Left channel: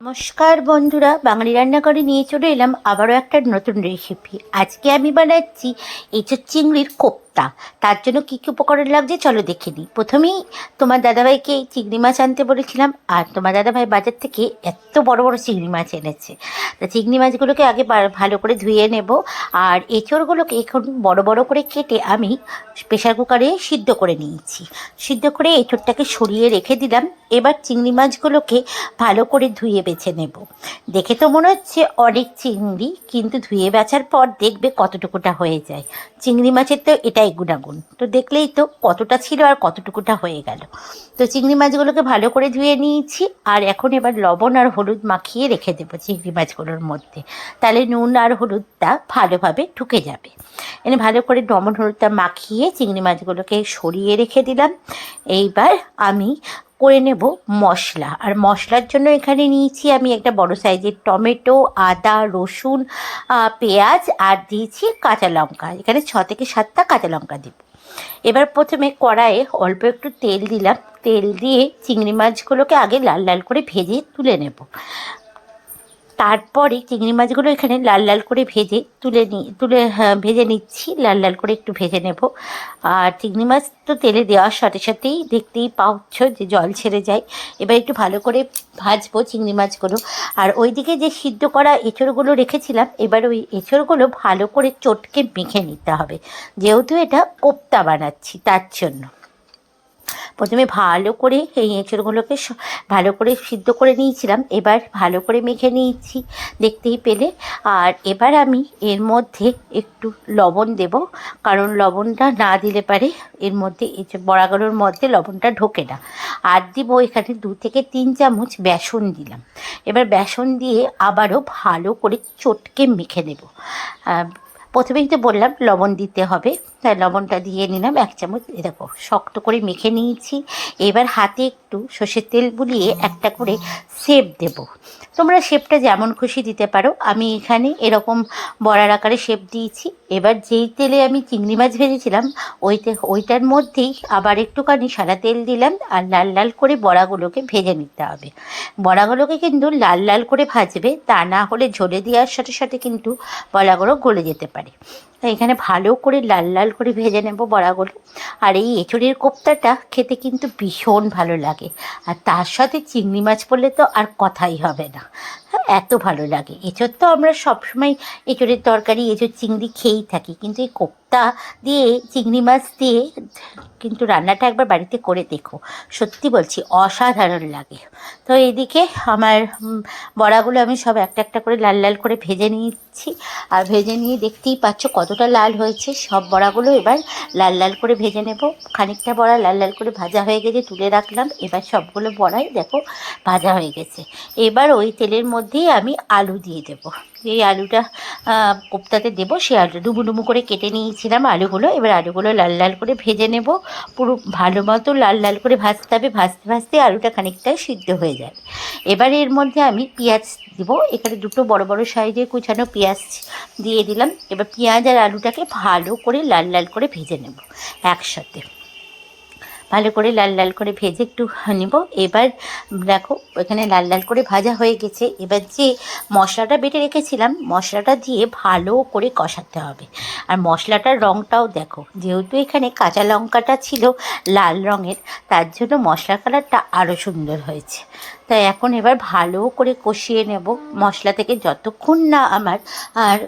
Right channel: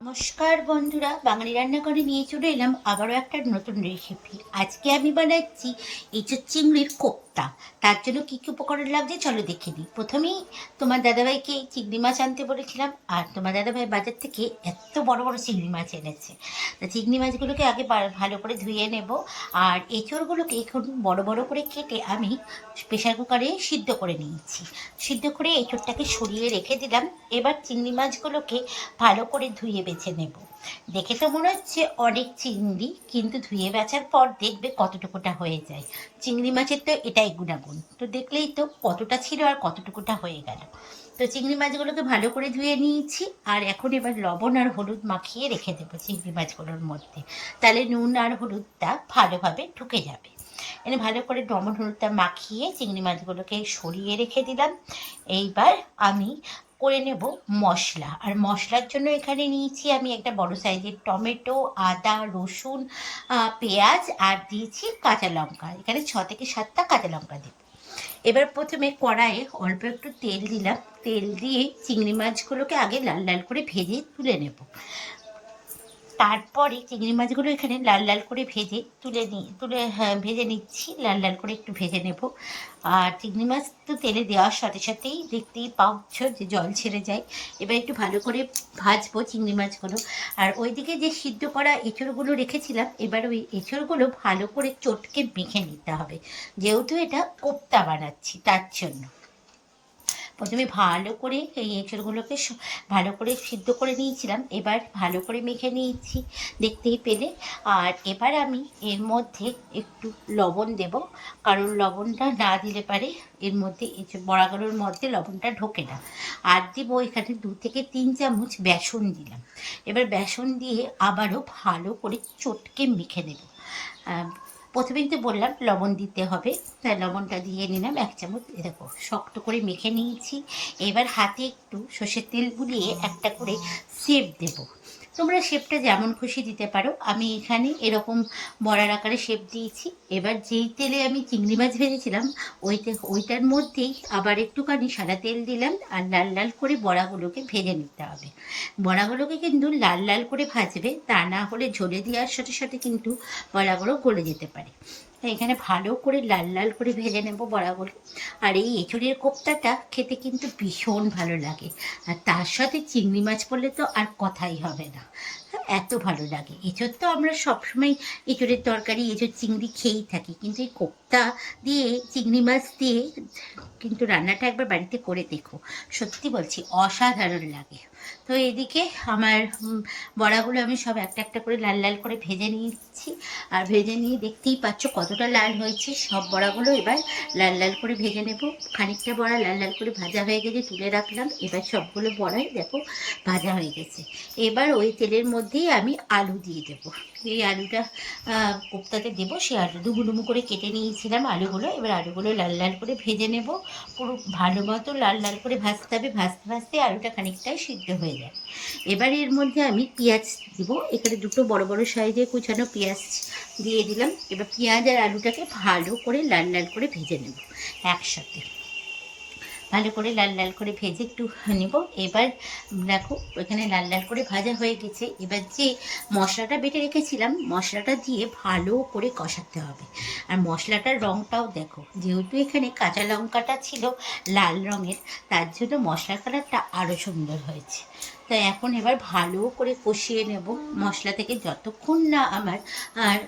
নমস্কার বন্ধুরা, বাঙালি রান্না করে নিয়ে চলে এলাম আবারও একটা নতুন রেসিপি আজকে আমি বানাচ্ছি এঁচোর চিংড়ির কোপ্তা। তার জন্য কী কী উপকরণ লাগছে চলো দেখে নিই। প্রথমেই তোমার দাদাভাইকে চিংড়ি মাছ আনতে বলেছিলাম, আর তোমার দাদাভাই বাজার থেকে এত বড় বড় চিংড়ি মাছ এনেছে। তা চিংড়ি মাছগুলোকে আগে ভালো করে ধুয়ে নেব, আর এঁচোড়গুলোকে এখন বড় বড় করে কেটে আমি প্রেশার কুকারে সিদ্ধ করে নিয়েছি। সিদ্ধ করে এঁচোড়টাকে সরিয়ে রেখে দিলাম, এবার চিংড়ি মাছগুলোকে ভালো করে ধুয়ে বেছে নেব। দেখে তো মনে হচ্ছে অনেক চিংড়ি, কিন্তু ধুয়ে বেচার পর দেখবে কতটুকুটা হয়ে যায়। চিংড়ি মাছের তো এটাই গুণাগুণ। তো দেখলেই তো কতটা ছিল আর কতটুকুটা হয়ে গেল। তো চিংড়ি মাছগুলোকে ভালো করে ধুয়ে নিয়েছি আর এখন এবার লবণ আর হলুদ মাখিয়ে রেখে দেবো চিংড়ি মাছগুলোর মধ্যে। তাহলে নুন আর হলুদটা ভালোভাবে ঢুকে যাবে। এনে ভালো করে লবণ হলুদটা মাখিয়ে চিংড়ি মাছগুলোকে সরিয়ে রেখে দিলাম। এইবার আমি করে নেব মশলা। আর মশলার জন্য এখানে নিয়েছি আমি একটা বড় সাইজের টমেটো, আদা, রসুন পেঁয়াজ আর দিয়েছি কাঁচা লঙ্কা। এখানে ছ থেকে সাতটা কাঁচা লঙ্কা দিব। এবার প্রথমে কড়াইয়ে অল্প একটু তেল দিলাম। তেল দিয়ে চিংড়ি মাছগুলোকে আগে লাল লাল করে ভেজে তুলে নেব। তারপরে চিংড়ি মাছগুলো এখানে লাল লাল করে ভেজে তুলে নি তুলে হ্যাঁ, ভেজে নিচ্ছি লাল লাল করে একটু ভেজে নেব। আর চিংড়ি মাছ তো তেলে দেওয়ার সাথে সাথেই দেখতেই পাচ্ছ যে জল ছেড়ে যায়। এবার একটু ভালো করে ভাজবো চিংড়ি মাছগুলো। আর ওইদিকে যে সিদ্ধ করা এঁচড়গুলো রেখেছিলাম এবার ওই এঁচড়গুলো ভালো করে চটকে মেখে নিতে হবে। যেহেতু এটা কোপ্তা বানাচ্ছি তার জন্য। প্রথমে ভালো করে এই এঁচড়গুলোকে ভালো করে সিদ্ধ করে নিয়েছিলাম। এবার ভালো করে মেখে নিয়েছি দেখতেই পেলে। আর এবার আমি এর মধ্যে একটু লবণ দেব কারণ লবণটা না দিলে পারে এর মধ্যে বড়াগুলোর মধ্যে লবণটা ঢোকে না। আর দিব এখানে দু থেকে তিন চামচ বেসন দিলাম। এবার বেসন দিয়ে আবারও ভালো করে চটকে মেখে আহ, প্রথমেই তো বললাম, লবণ দিতে হবে। তাই লবণটা দিয়ে নিলাম এক চামচ। দেখো, শক্ত করে মেখে নিয়েছি। এবার হাতে একটু সর্ষের তেল বুলিয়ে একটা করে সেপ দেব। তোমরা শেপটা যেমন খুশি দিতে পারো, আমি এখানে এরকম বড়ার আকারে শেপ দিয়েছি। এবার যেই তেলে আমি চিংড়ি মাছ ভেজেছিলাম ওইতে ওইটার মধ্যেই আবার একটুখানি সাদা তেল দিলাম আর লাল লাল করে বড়াগুলোকে ভেজে নিতে হবে। বড়াগুলোকে কিন্তু লাল লাল করে ভাজবে, তা না হলে ঝোলে দেওয়ার সাথে সাথে কিন্তু বড়াগুলো গলে যেতে পারে। এখানে ভালো করে লাল লাল করে ভেজে নেব বড়াগুলো। আর এই এঁচড়ের কোপ্তাটা খেতে কিন্তু ভীষণ ভালো লাগে। আর তার সাথে চিংড়ি মাছ পড়লে তো আর কথাই হবে না। এত ভালো লাগে। এঁচোর তো আমরা সবসময় এঁচড়ের তরকারি, এঁচড় চিংড়ি খেয়েই থাকি, কিন্তু এই কোপ্তা দিয়ে, চিংড়ি মাছ দিয়ে কিন্তু রান্নাটা একবার বাড়িতে করে দেখো। সত্যি বলছি, অসাধারণ লাগে। তো এদিকে আমার বড়াগুলো আমি সব একটা একটা করে লাল লাল করে ভেজে নিচ্ছি। আর ভেজে নিয়ে দেখতেই পাচ্ছ কতটা লাল হয়েছে। সব বড়াগুলো এবার লাল লাল করে ভেজে নেব। খানিকটা বড়া লাল লাল করে ভাজা হয়ে গেছে, তুলে রাখলাম। এবার সবগুলো বড়াই দেখো, ভাজা হয়ে গেছে। এবার ওই তেলের মধ্যেই আমি আলু দিয়ে দেবো। এই আলুটা কোপ্তাতে দেবো সেই আলু ডুবু ডুবু করে কেটে নিয়েছিলাম আলুগুলো। এবার আলুগুলো লাল লাল করে ভেজে নেব। পুরো ভালো মতো লাল লাল করে ভাজতে হবে। ভাজতে ভাজতে আলুটা খানিকটাই সিদ্ধ হয়ে যাবে এবার এর মধ্যে আমি পেঁয়াজ দিব। এখানে দুটো বড় বড় সাইজে কুচানো পেঁয়াজ দিয়ে দিলাম। এবার পেঁয়াজ আর আলুটাকে ভালো করে লাল লাল করে ভেজে নেব একসাথে। ভালো করে লাল লাল করে ভেজে একটু নেব। এবার দেখো, এখানে লাল লাল করে ভাজা হয়ে গেছে। এবার যে মশলাটা বেটে রেখেছিলাম, মশলাটা দিয়ে ভালো করে কষাতে হবে। আর মশলাটার রঙটাও দেখো, যেহেতু এখানে কাঁচা লঙ্কাটা ছিল লাল রঙের, তার জন্য মশলার কালারটা আরও সুন্দর হয়েছে। তাই এখন এবার ভালো করে কষিয়ে নেব। মশলা থেকে যতক্ষণ না আমার আর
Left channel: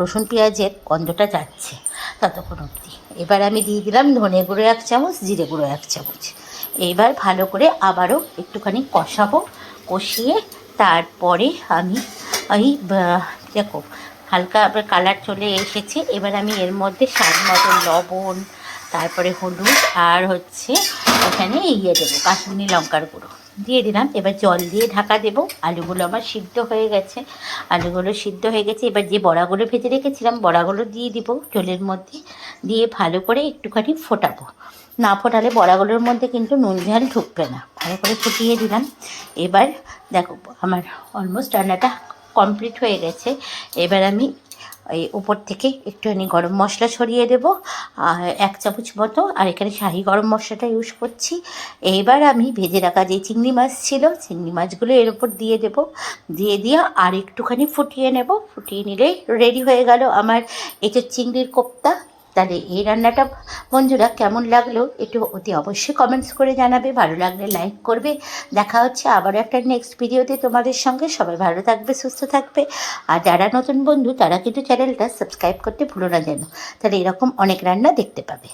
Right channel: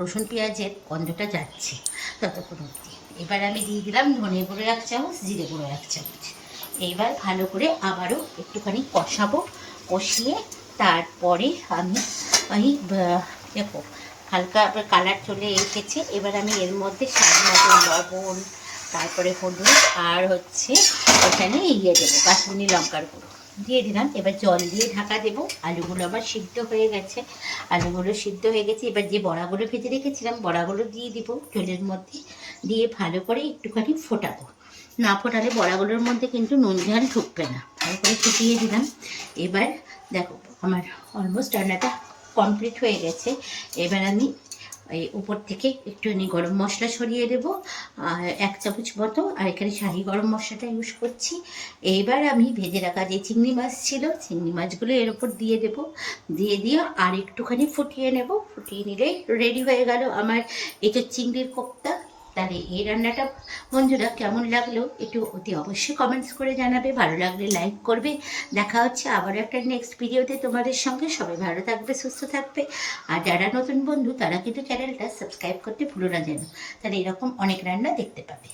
রসুন পেঁয়াজের গন্ধটা যাচ্ছে, ততক্ষণ অবধি। এবার আমি দিয়ে দিলাম ধনে গুঁড়ো এক চামচ জিরে গুঁড়ো এক চামচ। এবার ভালো করে আবারও একটুখানি কষাবো। কষিয়ে তারপরে আমি আহ, দেখো হালকা আবার কালার চলে এসেছে। এবার আমি এর মধ্যে স্বাদ মতো লবণ তারপরে হলুদ আর হচ্ছে এখানে ইয়ে দেবো কাশ্মীরি লঙ্কার গুঁড়ো। দিয়ে দিলাম। এবার জল দিয়ে ঢাকা দেবো। আলুগুলো আমার সিদ্ধ হয়ে গেছে। আলুগুলো সিদ্ধ হয়ে গেছে। এবার যে বড়াগুলো ভেজে রেখেছিলাম, বড়াগুলো দিয়ে দিব জলের মধ্যে। দিয়ে ভালো করে একটুখানি ফোটাবো। না ফোটালে বড়াগুলোর মধ্যে কিন্তু নুন ঝাল ঢুকবে না। ভালো করে ফুটিয়ে দিলাম। এবার দেখো, আমার অলমোস্ট রান্নাটা কমপ্লিট হয়ে গেছে। এবার আমি এই উপর থেকে একটুখানি গরম মশলা ছড়িয়ে দেবো, আর এক চামচ মতো, আর এখানে শাহি গরম মশলাটা ইউজ করছি। এইবার আমি ভেজে রাখা যে চিংড়ি মাছ ছিল, চিংড়ি মাছগুলো এর উপর দিয়ে দেব। দিয়ে দিয়ে আর একটুখানি ফুটিয়ে নেব। ফুটিয়ে নিলেই রেডি হয়ে গেল আমার এঁচোর চিংড়ির কোপ্তা তাহলে এই রান্নাটা বন্ধুরা কেমন লাগল একটু অতি অবশ্যই কমেন্টস করে জানাবে, ভালো লাগলে লাইক করবে। দেখা হচ্ছে আবারও একটা নেক্সট ভিডিওতে তোমাদের সঙ্গে। সবাই ভালো থাকবে, সুস্থ থাকবে। আর যারা নতুন বন্ধু, তারা কিন্তু চ্যানেলটা সাবস্ক্রাইব করতে ভুলো না যেন। তাহলে এরকম অনেক রান্না দেখতে পাবে।